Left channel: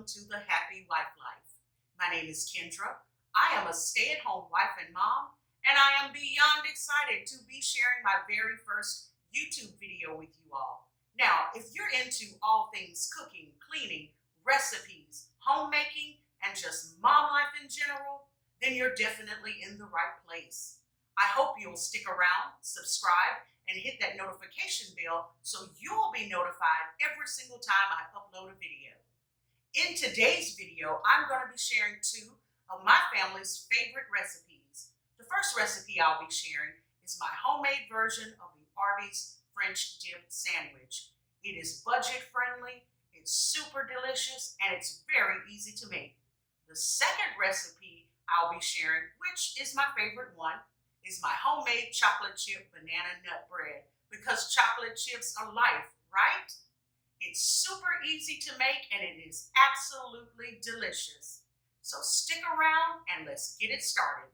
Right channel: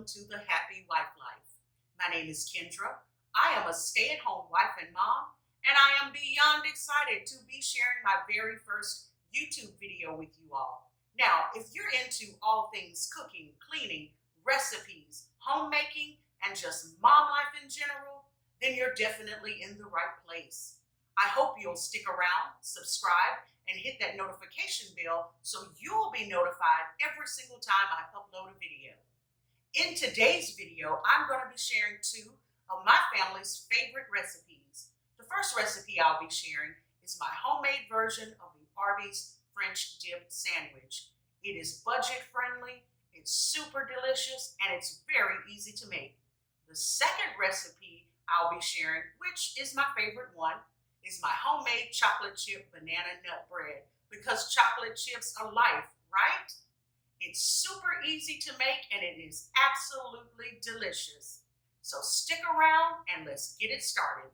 welcome to the Happy Wife Life. My name is Kendra. I am a stay-at-home wife and mom, and I am beyond excited to be sharing my very first YouTube video with you all. Now, if you're into all things cooking, cleaning, recipes, homemaking, and just mom life in general, then you're definitely in the right place. I hope you'll stick around, subscribe, and hit that notification bell so you'll be notified every single time I upload a video. In today's video, I'm going to be sharing two of my family's favorite recipes. The first recipe I'll be sharing is my homemade version of the Arby's French dip sandwich. It is budget friendly, it's super delicious, and it's very easy to make. The second recipe I'll be sharing, which is my favorite one, is my homemade chocolate chip banana nut bread, because chocolate chips are life, right? It's super easy to make and it is absolutely delicious. So stick around and let's get it started.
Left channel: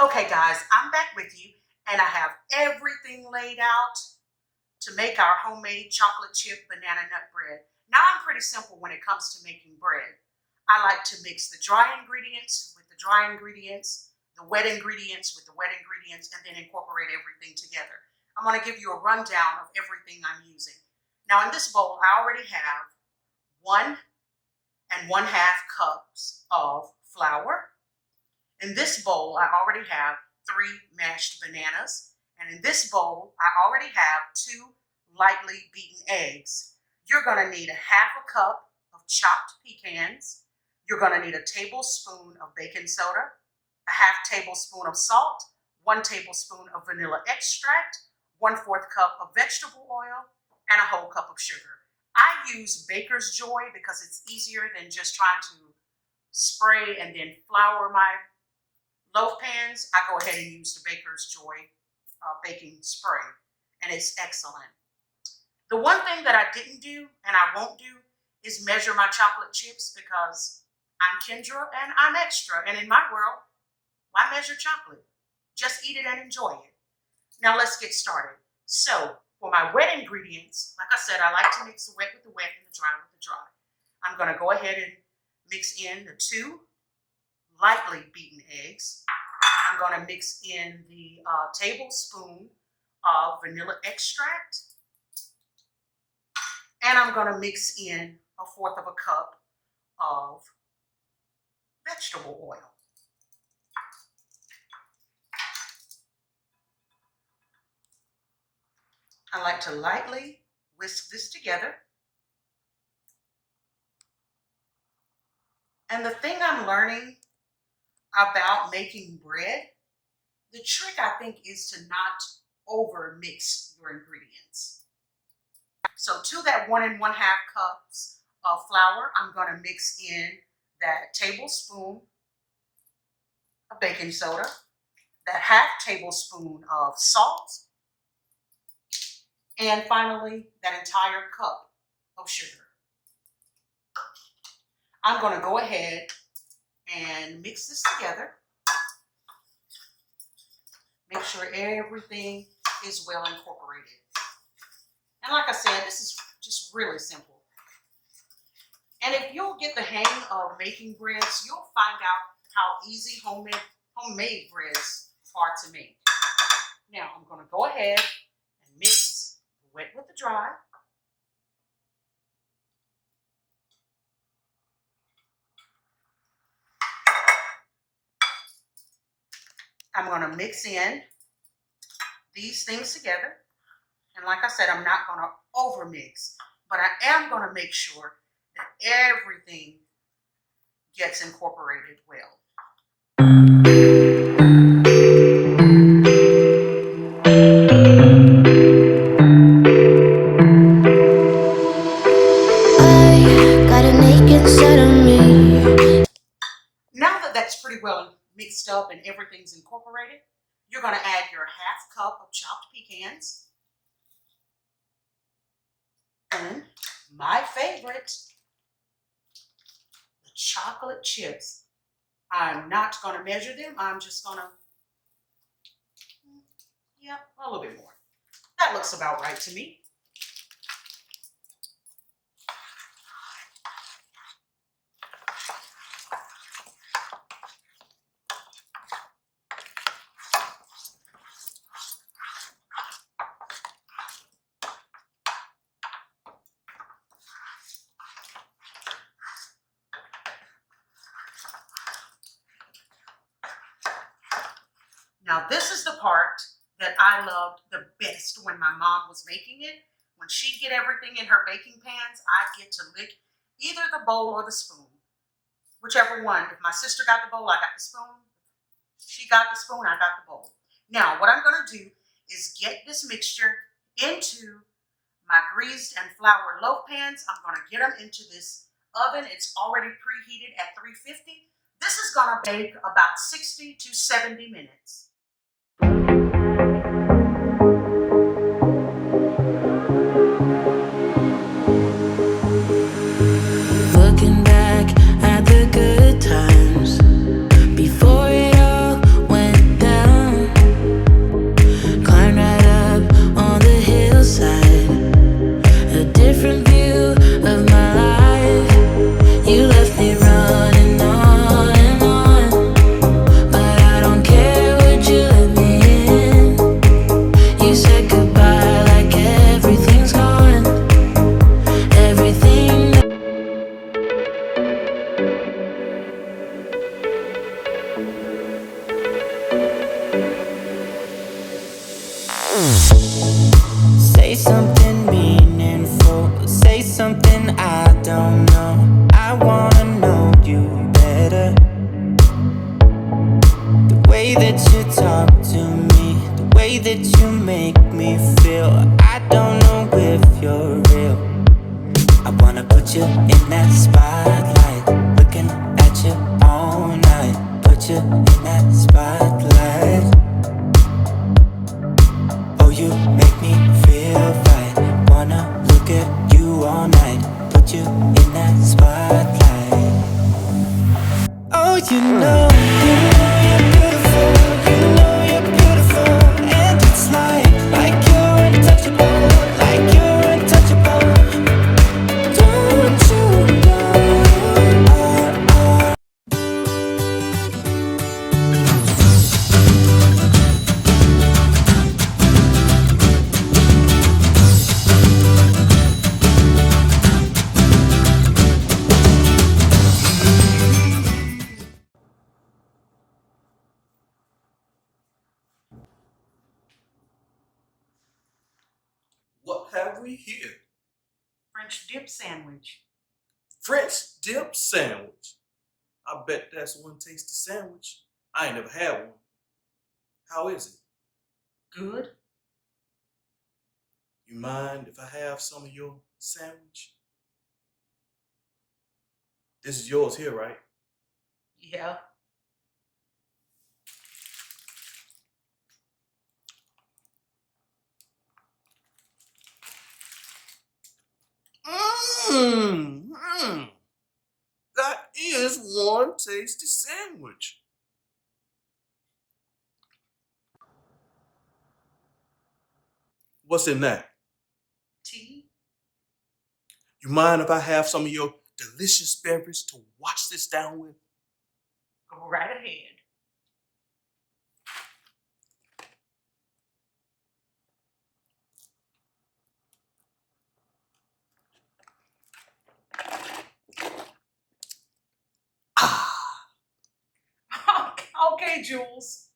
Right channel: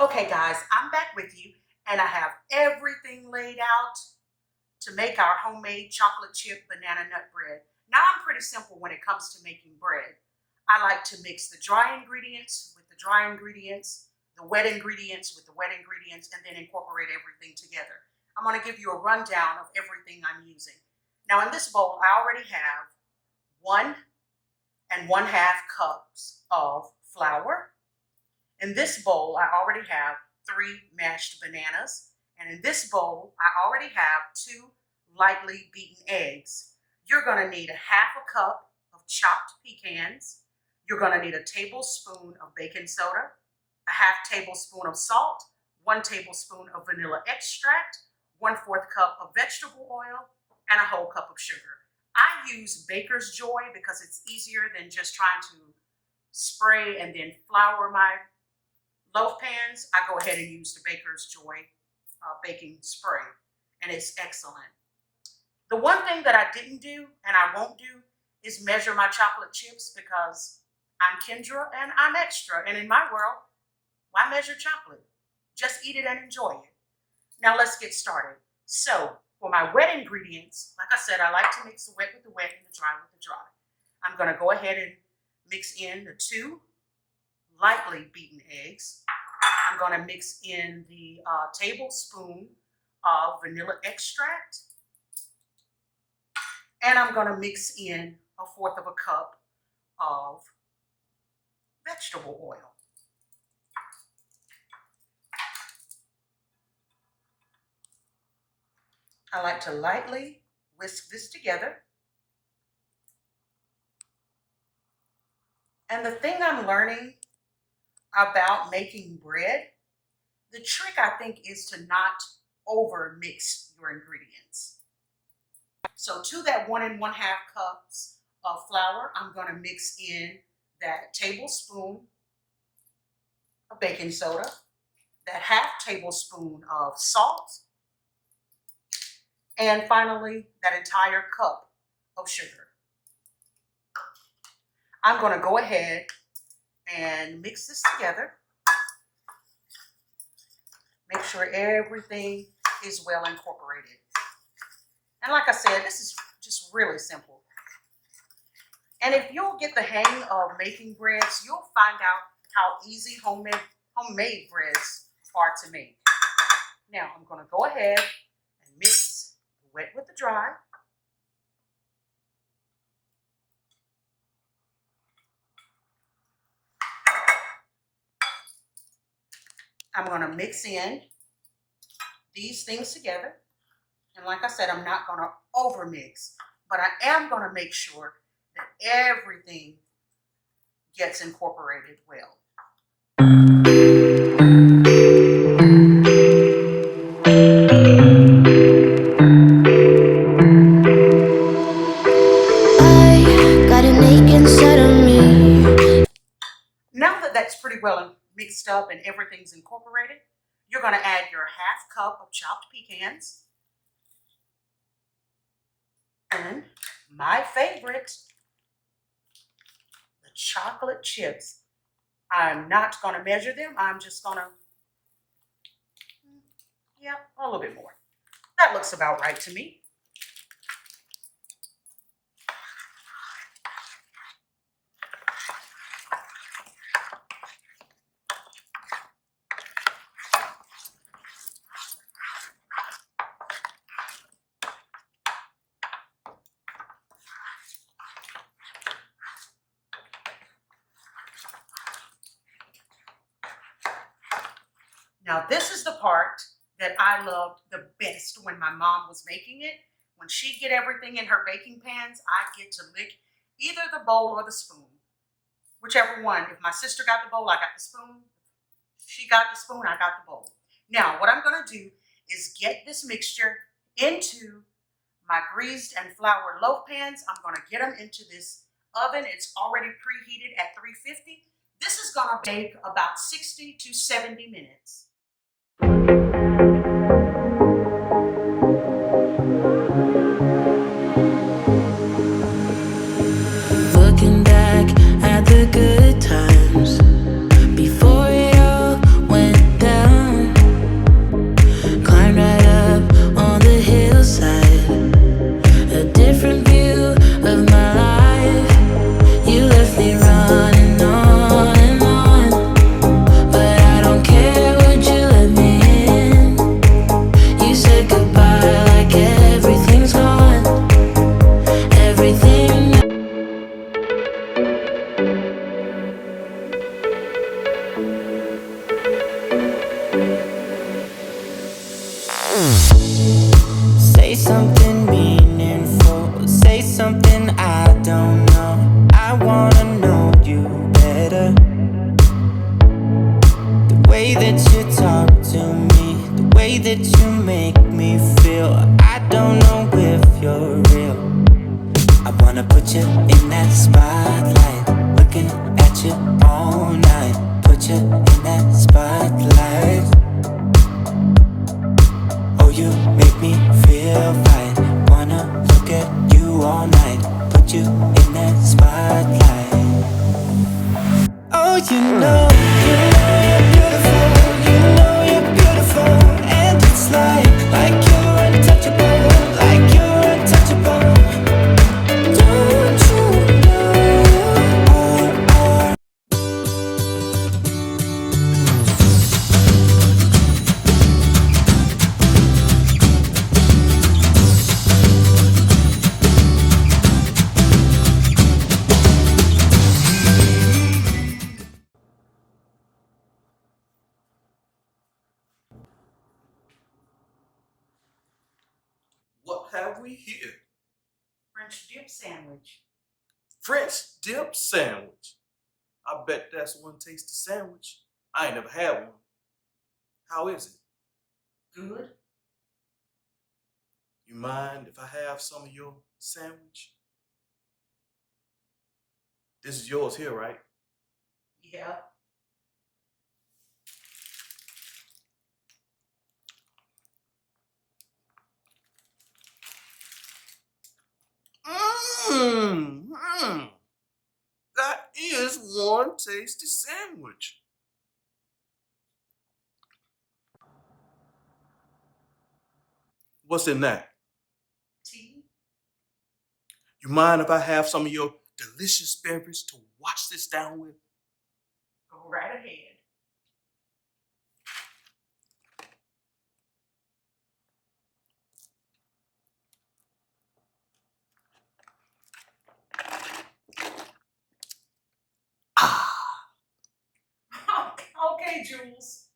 Okay guys, I'm back with you and I have everything laid out to make our homemade chocolate chip banana nut bread. Now I'm pretty simple when it comes to making bread. I like to mix the dry ingredients with the dry ingredients, the wet ingredients with the wet ingredients, and then incorporate everything together. I'm going to give you a rundown of everything I'm using. Now in this bowl, I already have 1 1/2 cups of flour. In this bowl, I already have 3 mashed bananas. And in this bowl, I already have 2 lightly beaten eggs. You're going to need 1/2 cup of chopped pecans. You're going to need a tablespoon of baking soda, 1/2 tablespoon of salt, 1 tablespoon of vanilla extract, 1/4 cup of vegetable oil, and a whole cup of sugar. I use Baker's Joy because it's easier than just trying to spray and then flour my loaf pans. I go ahead and use the Baker's Joy baking spray, and it's excellent. The one thing that I didn't do and I won't do is measure my chocolate chips, because I'm Kendra and I'm extra, and in my world, why measure chocolate? Just eat it and enjoy it. Now let's get started. So for my wet ingredients, like I said, I like to mix the wet with the wet and the dry with the dry. I'm going to go ahead and mix in the 2 lightly beaten eggs. I'm going to mix in the tablespoon of vanilla extract. And I'm going to mix in 1/4 cup of vegetable oil. I like to lightly whisk this together. And the thing I'm learning about making bread, the trick I think is to not over mix your ingredients. So to that 1 1/2 cups of flour, I'm going to mix in that tablespoon of baking soda, that 1/2 tablespoon of salt, And finally, that entire cup of sugar. I'm going to go ahead and mix this together. Make sure everything is well incorporated. And like I said, this is just really simple. And if you'll get the hang of making breads, you'll find out how easy homemade breads are to make. Now I'm going to go ahead and mix the wet with the dry. I'm going to mix in these things together. And like I said, I'm not going to overmix, but I am going to make sure that everything gets incorporated well. I got an ache inside of me. Now that that's pretty well mixed up and everything's incorporated, you're going to add your half cup of chopped pecans. And my favorite, the chocolate chips. I'm not going to measure them. I'm just going to, yeah, a little bit more. That looks about right to me. Now, this is the part that I loved the best when my mom was making it. When she'd get everything in her baking pans, I'd get to lick either the bowl or the spoon, whichever one. If my sister got the bowl, I got the spoon. She got the spoon, I got the bowl. Now, what I'm going to do is get this mixture into my greased and floured loaf pans. I'm going to get them into this oven. It's already preheated at 350. This is going to bake about 60 to 70 minutes. Looking back at the good times before it all went down. Climbed right up on the hillside, a different view of my life. You left me running on and on, but I don't care, would you let me in? You said goodbye like everything's gone. Everything. Say something meaningful, say something I don't know. I wanna know you better. The way that you talk to me, the way that you make me feel, I don't know if you're real. I wanna put you in that spotlight, looking at you all night. Put you in that spotlight. Oh, you make me feel right. Wanna look at you all night. Put you in that spotlight. Oh, you know you're beautiful. You know you're beautiful. And it's like you're untouchable. Like you're untouchable. Don't you know? What have we here? French dip sandwich. French dip sandwich. I bet that's one tasty sandwich. I ain't never had one. How is it? Good. You mind if I have some of your sandwich? This is yours here, right? Yeah. tasty sandwich. What's in that? Tea? You mind if I have some of your delicious beverage to wash this down with? Go right ahead. Ah. Okay, Jules.